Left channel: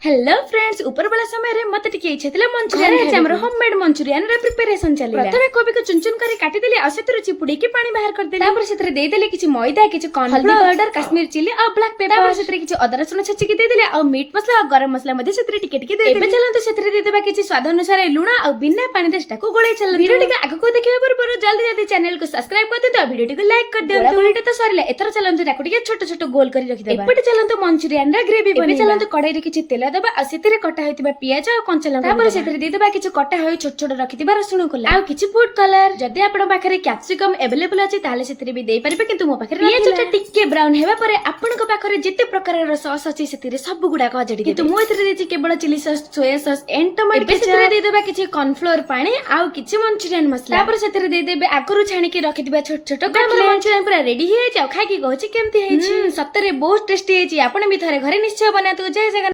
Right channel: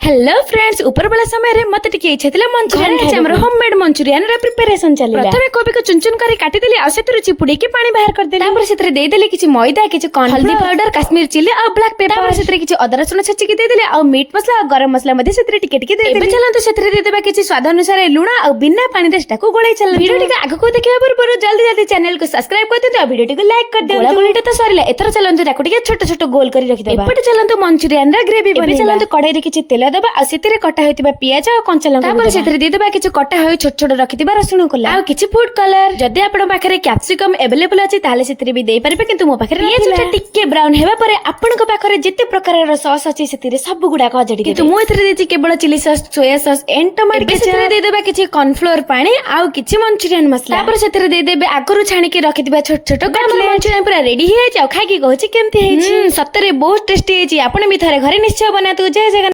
Hello friends ऊपर वाला समय रे मत टिके इच्छा थिला मंचूरियन खाइ हमर होममेड मंचूरियन रे प्रिपरेशन चलिला प्रथमे कोबी को चुन चुन करी काटी देली आ सेतरु चिपुडी के पानी बाहर कर देली तापर सेतरे दे देली किछि मैदा किछि कॉर्न हल्दी पाउडर काश्मीर चिली आ ब्लैक पेपर सेतरे किछि अदा रसुन छेची के दे देली आ मीट मसला आ गरम मसला मध्ये सेतरे टिके टिके दे देली चलंतु सेतरे दे देबा किछि स्वाद अनुसार लूण आ बिना पानी रे स्टाको गोळै चल वीडियो टिके आगु को देखिबा पर जल्दी जल्दी चैनल को सब्सक्राइब कर देते वीडियो टिके लाइक कर देते गोळैटा तो सरिला एथर चलंतु ताको टिके छोट छोट गोल करी रखि देबा एपटे चलंतु मंचूरियन रे ग्रेवी बने चलंतु कढाई रे किछि तेल देबा आ सेतरे कटा होइतिबा पियाज आ कंचा लंका तापर सेतरे दे देबा किछि कटा होय छोट छोट रखितिबा रसुण कोला आ किछि फूड कलर जदि आपण पाखरे कैप्सिकम अवेलेबल अछि ताले सेतरे भी देई परबे किंतु मो पाखरे पियाजटा टिके ब्राउन हेबा परे आपण को पाखरे जते प्रकारर सॉस अछि सेतरे सब गुडा को जडी किंतु मो एथरे देछि केवल chilli sauce soya sauce and tomato सेतरे दे देबा किछि कॉर्नफ्लोर पानी आ किछि मंचूरियन मसला तापर सेतरे दे देबे आगरु छाणी के रखितिबा छोट छोट मंचूरियन पूरा रेडी हे जाय खाइ की कहछि केमति हेछि सत्तरे बहुत टेस्टी हेछि आपण भी थारे घरे निश्चय बनातु जय जगन्नाथ।